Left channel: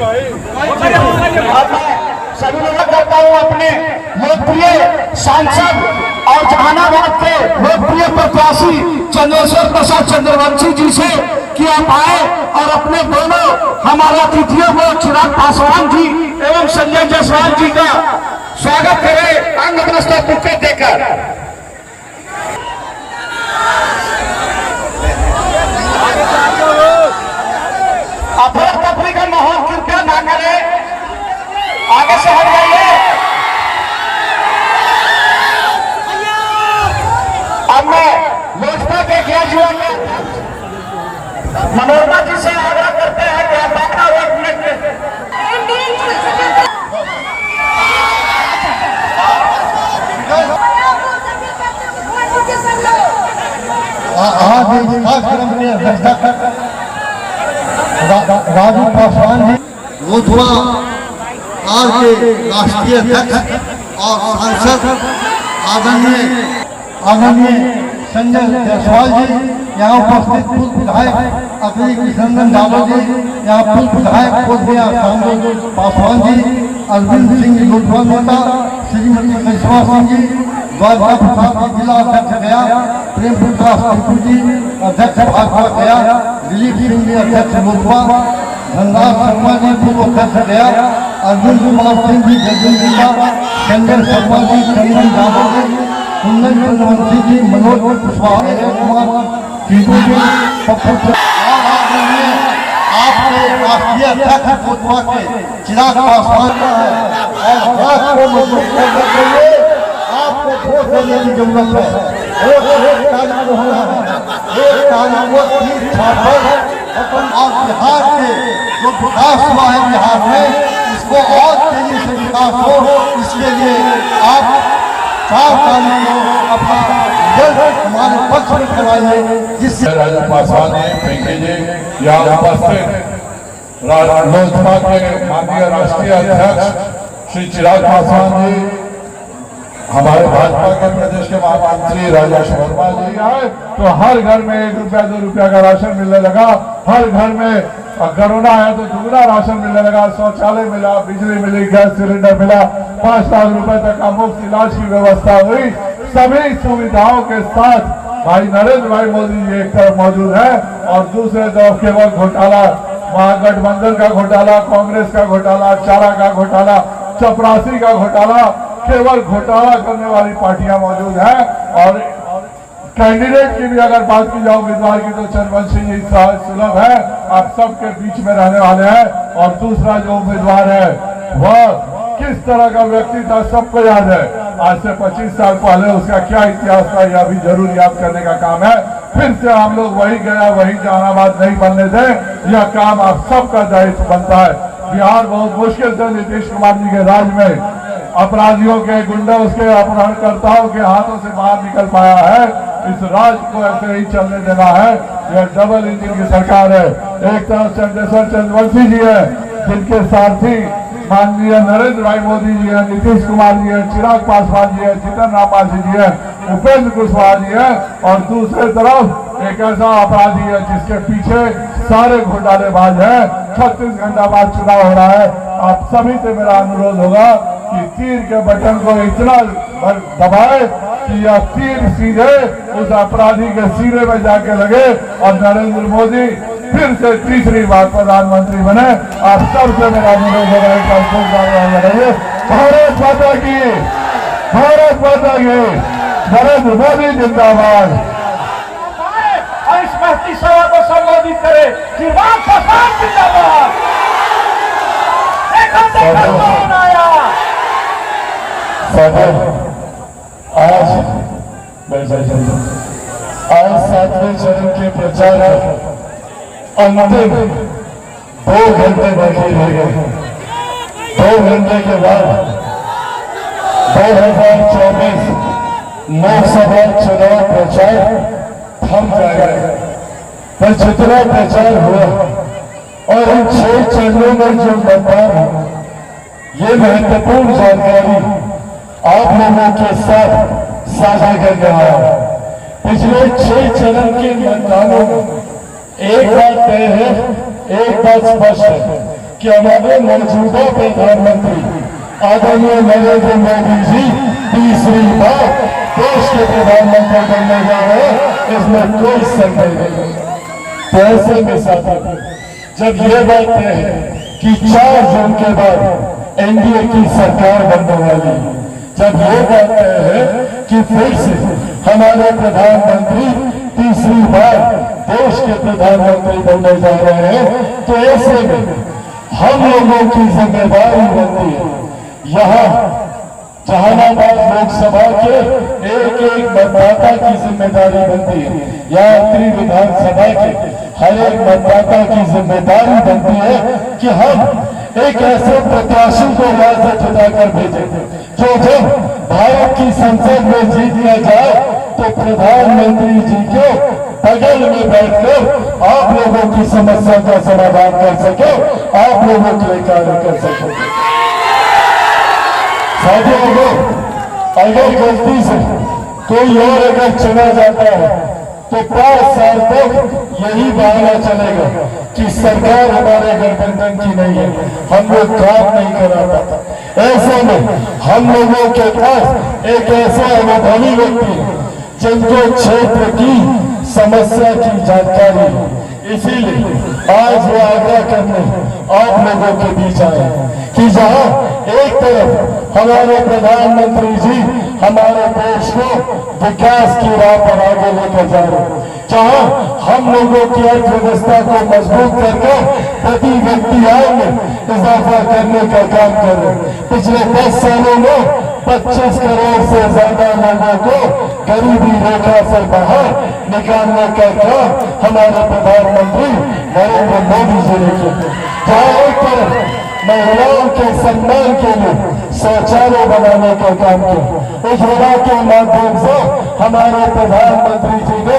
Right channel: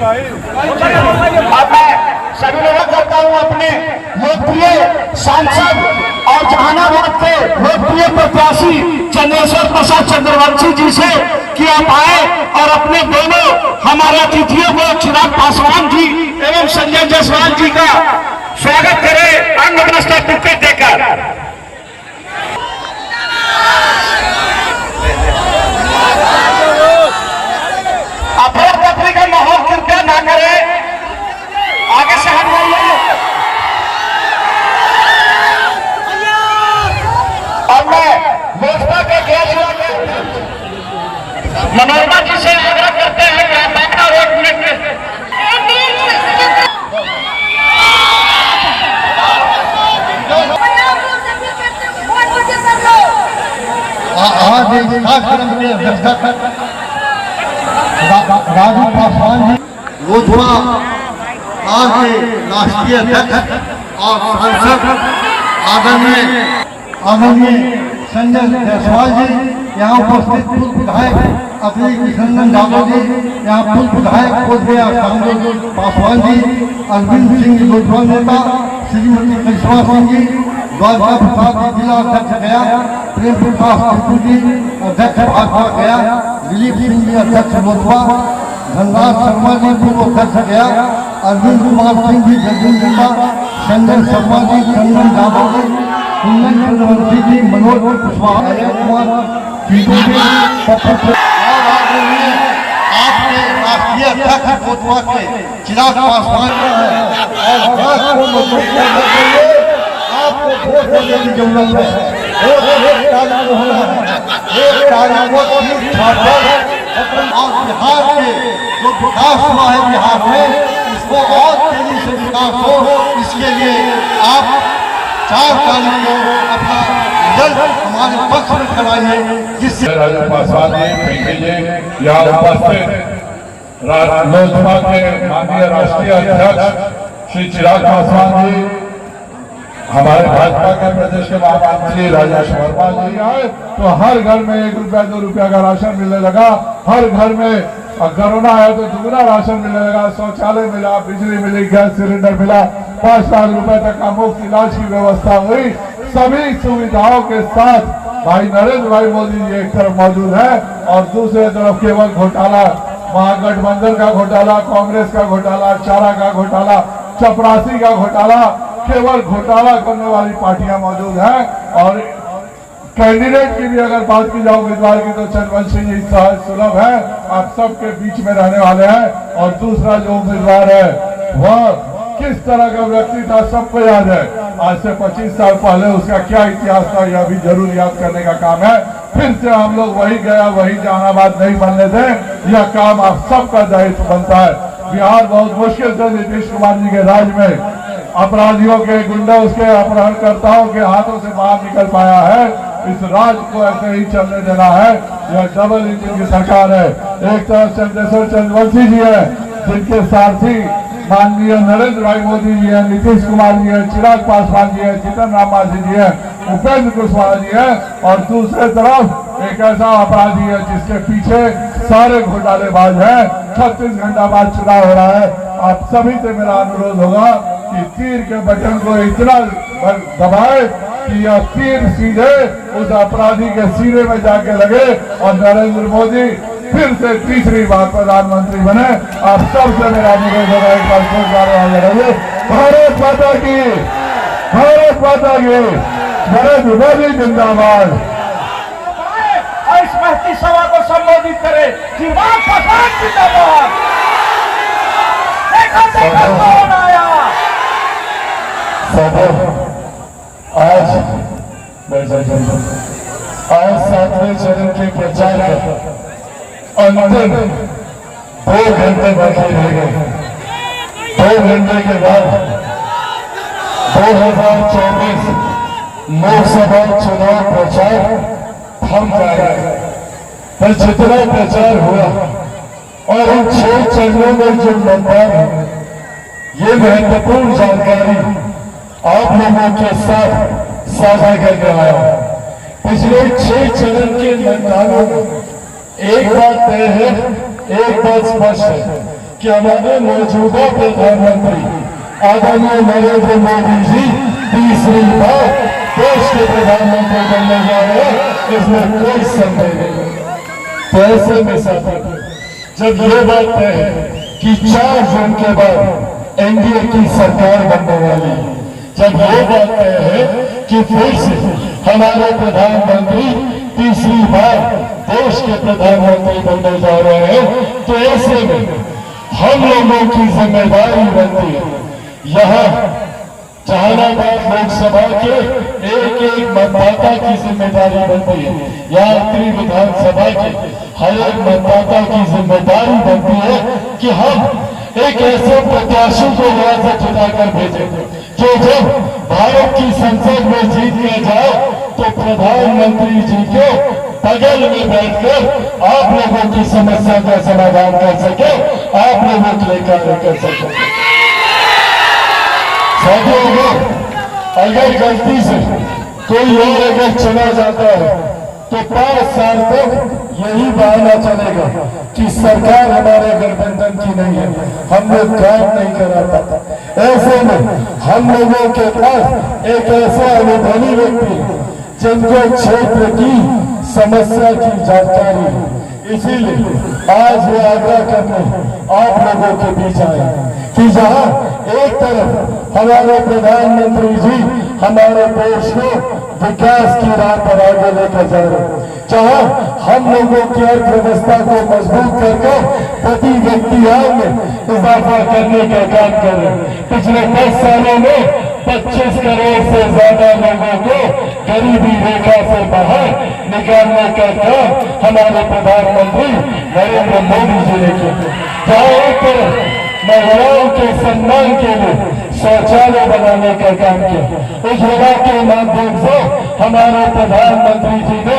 सभी लोगों को करता हूँ अपने लोकप्रिय सांसद और जहानाबाद के लोकप्रिय प्रत्याशी चंद्रेश्वर प्रसाद चंद्रवंशी जी से कि आप आए और अपने दोनों हमारे अतिथियों को चिराग पासवान जी एवं संजय जायसवाल जी का स्वागत करें अंग वस्त्र बुकेट देकर। अफरा-तफरी का माहौल कृपया ना करें, आगे से हट जाइए। अब मैं लोजपा के ग्रेजुएट मनोरमा जी से आग्रह करते हैं कि आप अपना वोट मिनट आज इस कार्यक्रम की अध्यक्षता राजू पासवान जी लोजपा आज के राष्ट्रीय अध्यक्ष और सांसद आदरणीय संजय जायसवाल जी, यहाँ उपस्थित पूर्व विधायक अखिलेश किशन यादव जी, यहाँ पूर्व विधायक कोटबिया रामदेव पासवान जी, अरविंद सिंह लोजपा नेता, श्रीमती करिश्मा सिंह जी, द्वारका प्रसाद जिला अध्यक्ष गया, प्रेम प्रकाश ठाकुर जी अध्यक्ष भाजपा गया, दिलीप सिंह जी अध्यक्ष लोजपा, धनराज शर्मा जी पूर्व अध्यक्ष गया, अर्जुन कुमार सिंह जी जदयू जिला, संजय शर्मा जी चंदन यादव जी, कुंदन चंद्रवंशी जी, मनोज कुशवाहा, अजय कुमार चीकू जी, आपके राष्ट्रीय अध्यक्ष लोजपा के चिराग पासवान और आपको वोट देने की जरूरत है। एक कार्य होना है, एक कार्य वो ठीक ठाक है और बिहार के जो विकास हुआ है बिहार में उसको और तेजी से विकास हो, इसके लिए आप 4 तारीख को अपना रिजल्ट हमारे पक्ष में कराइए, जिससे राजू पासवान जी यहाँ उपस्थित लोजपा के माननीय राष्ट्रीय अध्यक्ष श्री चिराग पासवान जी, हमारे भाजपा के प्रदेश के महामंत्री राजा शर्मा जी आए तो हर घर में 1 रुपया 2 रुपया का राशन मिलने लगा। हर घर में कोरोना आया तो दुगना राशन मिलने लगा, शौचालय मिला, बिजली मिली, गैस सिलेंडर मिला, 5 लाख रुपए तक का मुफ्त इलाज की व्यवस्था हुई। सभी सुविधाओं के साथ भाई नरेंद्र भाई मोदी जी एक तरफ मौजूद है और दूसरे तरफ केवल घोटाला, महागठबंधन का घोटाला, कांग्रेस का घोटाला, चारा का घोटाला, चपरासी का घोटाला, केवल घोटाला करने वाली पार्टियां मौजूद हैं। और कैंडिडेट की भी अगर बात की जाए उम्मीदवार की तो चंद्रवंशी जी सुलभ है, आप सबके बीच में रहने वाले हैं। और दूसरा जो उम्मीदवार है वह किस तरह का व्यक्ति था सबको याद है, आज से 25 साल पहले उसका क्या इतिहास था यह भी जरूर याद करने का काम है। फिर से हम लोग वही गया वही जहानाबाद नहीं बनने दें, यह काम आप सबका दायित्व बनता है। बिहार बहुत मुश्किल से नीतीश कुमार जी के राज में अपराधियों के, गुंडों के, अपहरणकर्ताओं के हाथों से बाहर निकल पाया है। इस राज को ऐसे ही चलने देना है, यह डबल इंजन की सरकार है। एक तरफ चंद्रेश्वर चंद्रवंशी जी है जिनके सारथी माननीय नरेंद्र भाई मोदी जी है, नीतीश कुमार जी है, चिराग पासवान जी है, जीतन राम मांझी जी है, उपेंद्र कुशवाहा जी है। और दूसरे तरफ एक ऐसा अपराधी है जिसके पीछे सारे घोटालेबाज हैं। 36 घंटा बाद चुनाव हो रहा है। आप सभी से मेरा अनुरोध होगा कि तीर के बटन को इतना दबाए कि यह तीर सीधे उस अपराधी के सीने में जाके लगे और नरेंद्र मोदी फिर से तीसरी बार प्रधानमंत्री बने। आप सबसे मेरा अनुरोध होगा एक बार खूब बारे रहिए। भारत माता की, भारत माता की, नरेंद्र मोदी जिंदाबाद। इस महती सभा को संबोधित करे चिराग पासवान जिंदाबाद। आज 7वें चरण के प्रचार अंतिम 2 घंटे बाकी रह गए। 2 घंटे के बाद 2024 लोकसभा चुनाव प्रचार थम जाएगा। पर जितना प्रचार हुआ और इन 6 चरणों में जो मतदान है, ये महत्वपूर्ण जानकारी आप लोगों के साथ साझा करने आया। पिछले 6 चरण के मतदानों में एक बात तय है, एक बात स्पष्ट है कि हमारे मौजूदा प्रधानमंत्री आदरणीय नरेंद्र मोदी जी तीसरी बार देश के प्रधानमंत्री बनने जा रहे हैं, इसमें कोई संदेह नहीं। तो ऐसे में साथियों, जब ये बात तय है कि 4 जून के बाद एनडीए की सरकार बनने वाली है, जब ये बात तय है कि फिर से हमारे प्रधानमंत्री तीसरी बार देश के प्रधानमंत्री बनने जा रहे हैं, तो ऐसे में हम लोगों की जिम्मेदारी बनती है यहाँ जहानाबाद लोकसभा के एक मतदाता की जिम्मेदारी बनती है, यहाँ उत्तरी विधानसभा के हर एक मतदाता की जिम्मेदारी बनती है कि हम एक ऐसे प्रत्याशी को यहाँ से जिताकर भेजें जो जब भारत की संसद में जीत लिया जाए तो प्रधानमंत्री जी के बगल में बैठकर आप लोगों की समस्या का समाधान कर सके, आप लोगों के लिए कार्य कर सके। साथियों, अगर गलती से कोई और अगर चला जाता है तो 5 साल तक यही बहाना चलेगा कि सरकार हमारे गठबंधन की नहीं है, हम लोग काम नहीं करा पाता। ऐसे में हम लोगों के पास एक ऐसा अनुभवी व्यक्ति है जिनको क्षेत्र की समस्या की जानकारी है, इसीलिए आज वो आग्रह करने आप लोगों के बीच आए कि जहां एक तरफ हमारे प्रधानमंत्री जी हमारे देश को विकास की राह पर आगे लेकर जा रहे हैं, जहां हम लोगों की अर्थव्यवस्था को मजबूत करके प्रति व्यक्ति आय में इजाफा करने का काम कर रहे हैं। पिछले 10 सालों में 25 करोड़ से ज्यादा लोगों को गरीबी रेखा से बाहर निकालने का काम हमारे प्रधानमंत्री नरेंद्र मोदी जी ने किया। जहां एक तरफ महिलाओं के सम्मान के लिए शौचालय बनाने का काम किया, उज्ज्वला के माध्यम से हमारे प्रधानमंत्री जी ने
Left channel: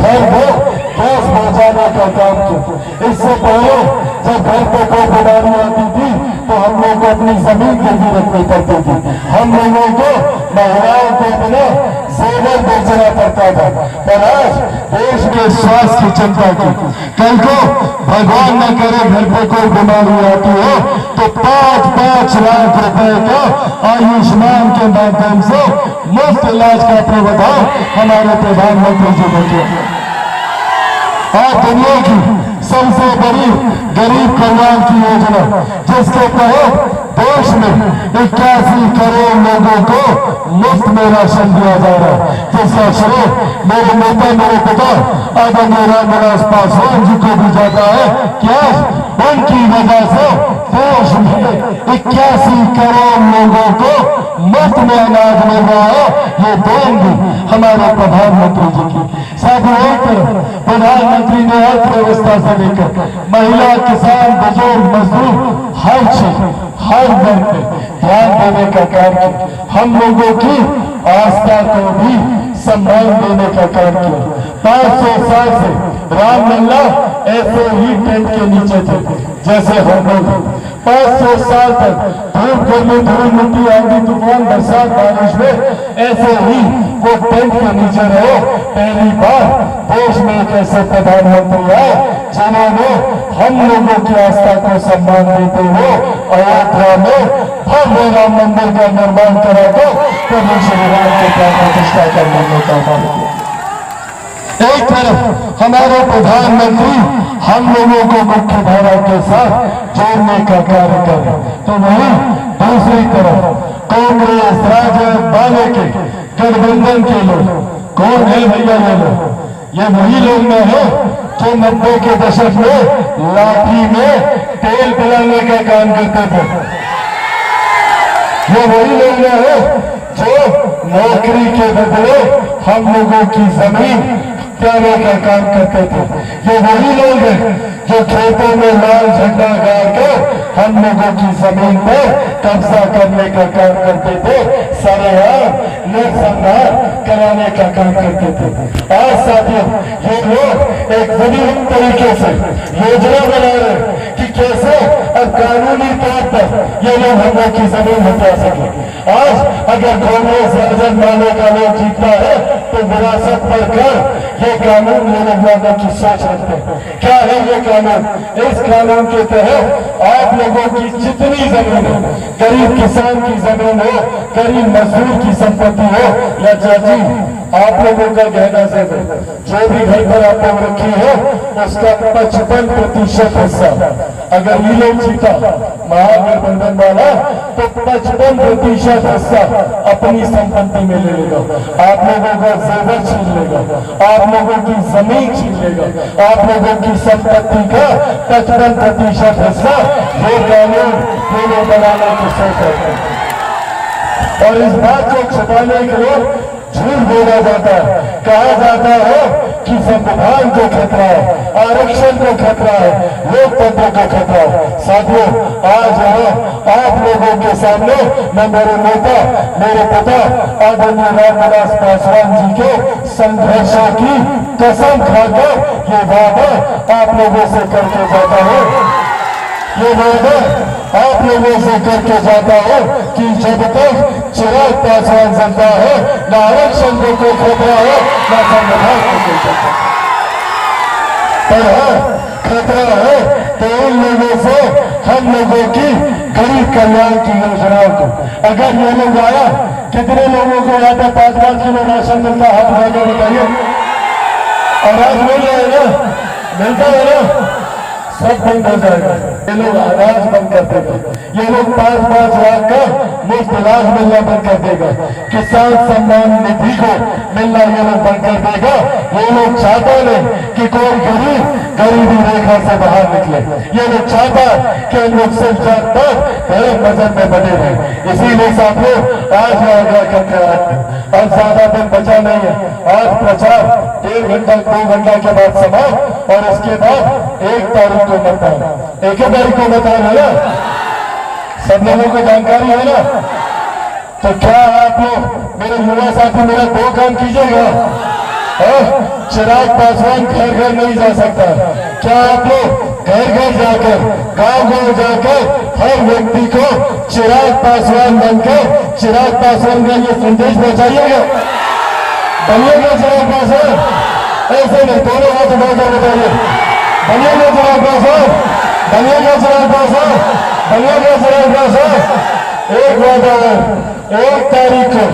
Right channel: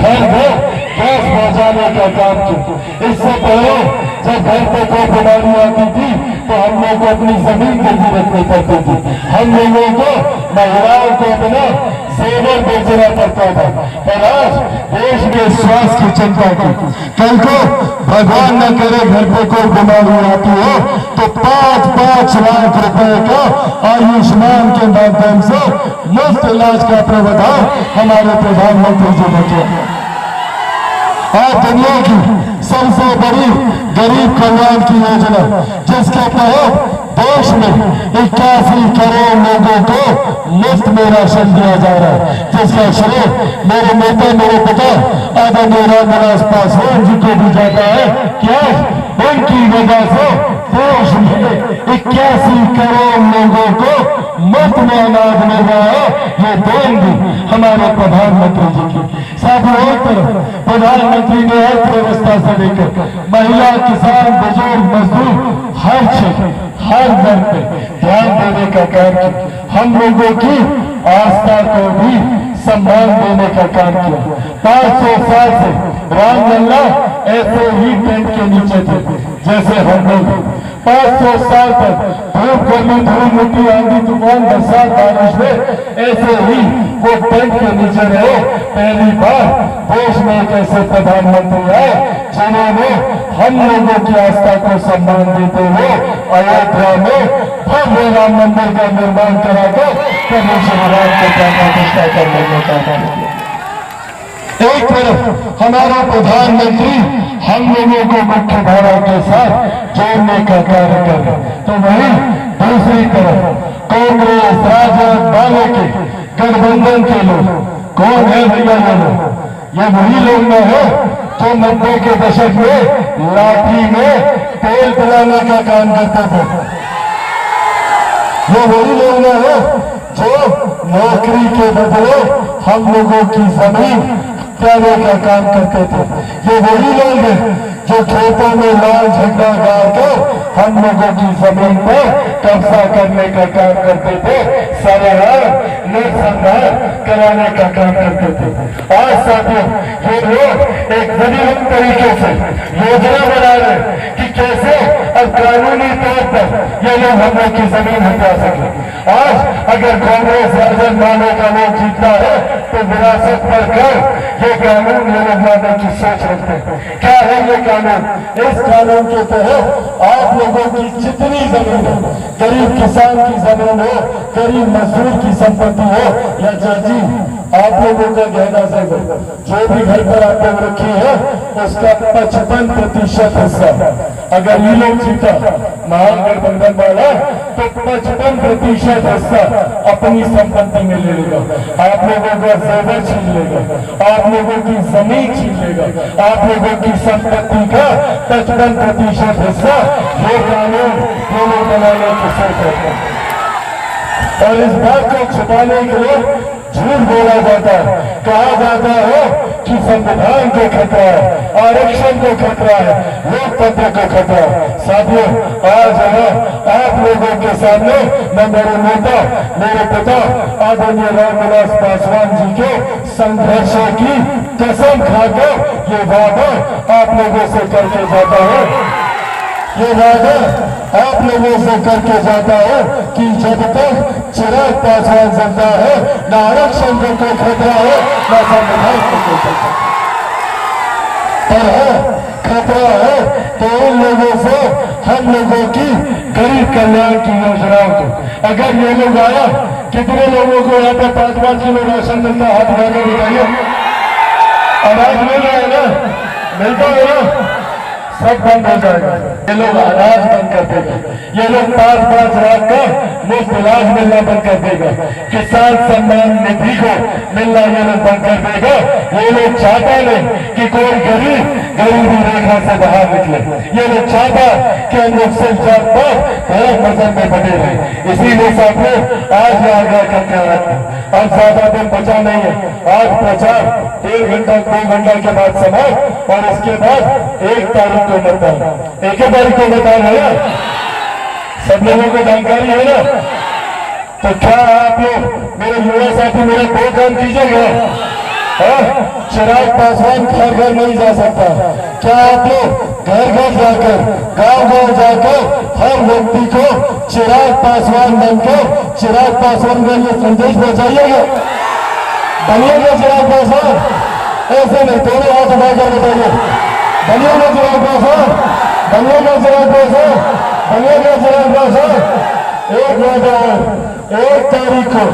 घर घर गैस पहुंचाने का काम किया। इससे पहले जब घर पे कोई बीमारी आती थी तो हम लोग को अपनी जमीन गिरवी रखनी पड़ती थी, हम लोगों को महिलाओं को अपने जेवर बेचना पड़ता था। पर आज देश के स्वास्थ्य की चिंता की, कल को भगवान न करे घर पे कोई बीमारी आती है तो 5-5 लाख रुपए का आयुष्मान के माध्यम से मुफ्त इलाज का प्रावधान हमारे प्रधानमंत्री जी ने किया। आज दुनिया की सबसे बड़ी गरीब कल्याण की योजना जिसके तहत देश में 81 करोड़ लोगों को मुफ्त में राशन दिया जा रहा है, जिसका श्रेय मेरे नेता मेरे पिता आदरणीय रामविलास पासवान जी को भी जाता है कि आज उनकी वजह से देश में 81 करोड़ लोगों को मुफ्त में अनाज मिल रहा है। ये देंगे हमारे प्रधानमंत्री जी की। साथ ही एक तरफ प्रधानमंत्री ने अर्थव्यवस्था से लेकर महिला, किसान, बुजुर्ग, मजदूर हर क्षेत्र हर वर्ग पे ध्यान देने का काम किया। हम लोगों की आस्था को भी सम्मान देने का काम किया। 500 साल से रामलला ऐसे ही टेंट के नीचे थे जैसे हम लोग 500 साल तक धूप गर्मी धूल मिट्टी आंधी तूफान बरसात बारिश में ऐसे ही वो टेंट के नीचे रहे। पहली बार देश में एक ऐसे प्रधानमंत्री आए जिन्होंने हम लोगों की आस्था को सम्मान देते हुए अयोध्या में भव्य राम मंदिर का निर्माण करा दो, प्रभु श्री राम को प्राण प्रतिष्ठा करने में काम किया। एक तरफ हमारे प्रधानमंत्री हम लोगों को मुख्य धारा के साथ जोड़ने का कार्य कर रहे, तो वहीं दूसरी तरफ कांग्रेस, राजद, बालों के गठबंधन के लोग कौन है भैया? ये लोग ये वही लोग में है जो 90 के दशक में लाठी में तेल पिलाने का काम करते थे। ये वही लोग में है जो नौकरी के बदले हम लोगों की जमीन त्यागने का काम करते थे। ये वही लोग हैं जो खेतों में लाल झंडा गाड़ कर हम लोगों की जमीन पर कब्जा करने का काम करते थे, सरेआम नरसंहार कराने का काम करते थे। आज साथियों ये लोग एक विभिन्न तरीके से योजना बना रहे हैं कि कैसे अब कानूनी तौर पर ये लोग हम लोग की जमीन हटा सके। आज अगर कांग्रेस राजद माने का लोग जीतता है तो विरासत पर कर ये कानून ये लोग लाने की सोच रखते हैं। क्या है ये कानून? इस कानून के तहत आप लोगों की जितनी जमीन हो, गरीब किसान की जमीन हो, गरीब मजदूर की संपत्ति हो या चाची आप लोगों का गहना जमीन जो भी घर पर आप लोग रखी है उसका 55% हिस्सा अगर ये लोग जीता महागठबंधन वाला तो 55% हिस्सा अपनी संपत्ति में ले लेगा। आप लोगों का जेवर छीन लेगा, आप लोगों की जमीन छीन लेगा, आप लोगों की संपत्ति का 55% हिस्सा ये कानून ये लोग बनाने की सोच रखते हैं। और इस बात को छुपाने के लिए झूठ बोला जाता है, कहा जाता है कि संविधान को खतरा है, आरक्षण को खतरा है, लोकतंत्र को खतरा है। साथियों, आज आप लोगों के सामने मैं मेरे नेता मेरे पिता आदरणीय रामविलास पासवान जी के संघर्षों की कसम खाकर ये वादा आप लोगों से करके जाता हूँ। ये वादा आप लोगों से करके जाता है कि जब तक चिराग पासवान जिंदा है न आरक्षण को कोई खतरा है न संविधान को कोई खतरा है। खतरा है तो उन लोगों से हम लोगों की गरीब कल्याण की योजनाओं को। अगर ये लोग आया, कितने लोगों को यहाँ पे 5-5 किलो राशन मिलता है? हाथ उठा के बताइए। अनाज मिल रहा है ना? मिलता है ना? सब बंद हो जाएगा। ये लोग अनाज बंद कर देगा, ये लोग 5-5 लाख का मुफ्त इलाज मिलना बंद कर देगा, किसान सम्मान निधि को मिलना ये लोग बंद कर देगा। ये लोग चाहता नहीं कि कोई गरीब गरीबी रेखा से बाहर निकले। ये लोग चाहता कि हम लोग सिर्फ जात पात एक मजहब में बने रहे। इसीलिए साथियों आज यहाँ गया करके और ज्यादा दिन बचा नहीं है। आज प्रचार 1 घंटा के बाद समाप्त और इसके बाद 1 तारीख को मतदान। 1 तारीख को मतदान है ना? सब लोगों को जानकारी है ना? तो क्या आप लोग मेरे युवा साथी मेरा 2 काम कीजिएगा? चिराग पासवान घर घर नहीं जा सकता। क्या आप लोग घर घर जाकर गांव जाकर हर व्यक्ति को चिराग पासवान बनकर चिराग पासवान का ये संदेश पहुंचाइएगा? बनिएगा चिराग पासवान? ऐसे नहीं, दोनों हाथ उठाकर बताइए, बनिएगा चिराग पासवान? बनिएगा चिराग पासवान? बनिएगा चिराग पासवान? एक वादा 1 तारीख को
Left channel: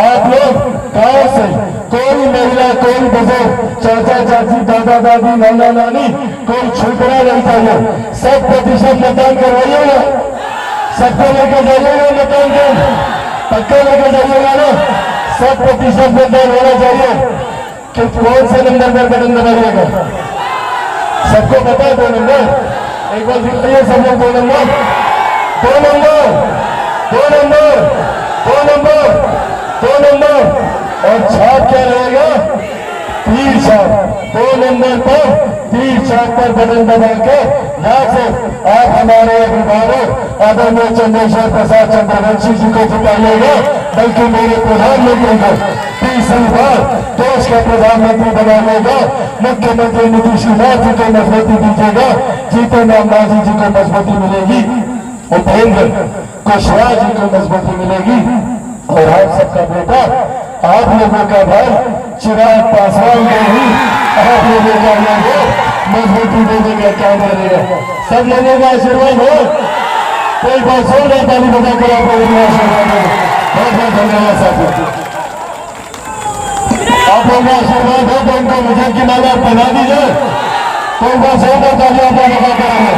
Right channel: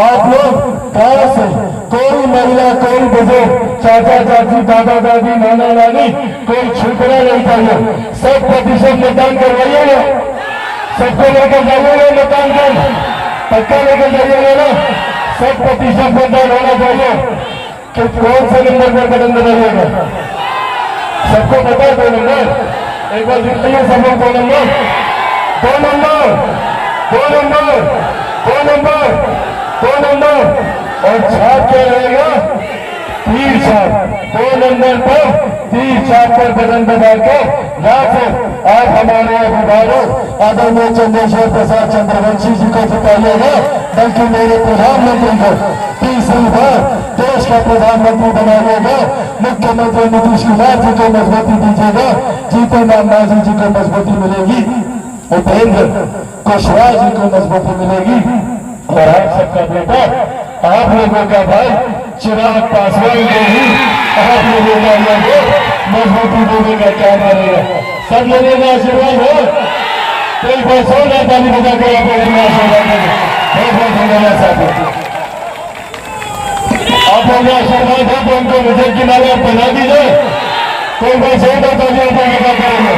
आप लोग गांव से कोई महिला कोई बुजुर्ग चाचा चाची दादा दादी नाना नानी कोई छूटना नहीं चाहिए। 100% मतदान करवाइएगा। सबको लेकर जाइएगा मतदान कर, पक्का लेकर जाइएगा ना? 100% मतदान होना चाहिए। तो कौन से नंबर पर बटन दबाइएगा? सबको पता है 2 नंबर? एक बार बताइए सब लोग 2 number, 2 number, 2 number, 2 number, 2 number. और छाप क्या रहेगा? 3 छाप। 2 नंबर पर 3 छाप पर बटन दबाकर या फिर आप हमारे अभिभावक आदरणीय चंद्रशेखर प्रसाद चंद्रवंशी जी को जिताइएगा, बल्कि मेरे प्रधानमंत्री को तीसरी बार देश का प्रधानमंत्री बनाइएगा। मुख्यमंत्री नीतीश कुमार जी को मजबूती दीजिएगा, जीतन राम मांझी जी को मजबूती मिलेगी, उपेंद्र कुशवाहा जी को मजबूती मिलेगी और आप सबका बेटा आप लोगों का भाई चिराग पासवान को भी आप लोगों का मजबूती देने का काम करेगा। सब लोगों का आशीर्वाद हो। कोई बात सुन ताली बजाकर आप लोगों का आशीर्वाद हो। बहुत बहुत धन्यवाद साथियों। आप लोगों का आशीर्वाद हो तो उनको मुझे की माला बना दीजिए। कोई बात सुन ताली आप लोग करेंगे।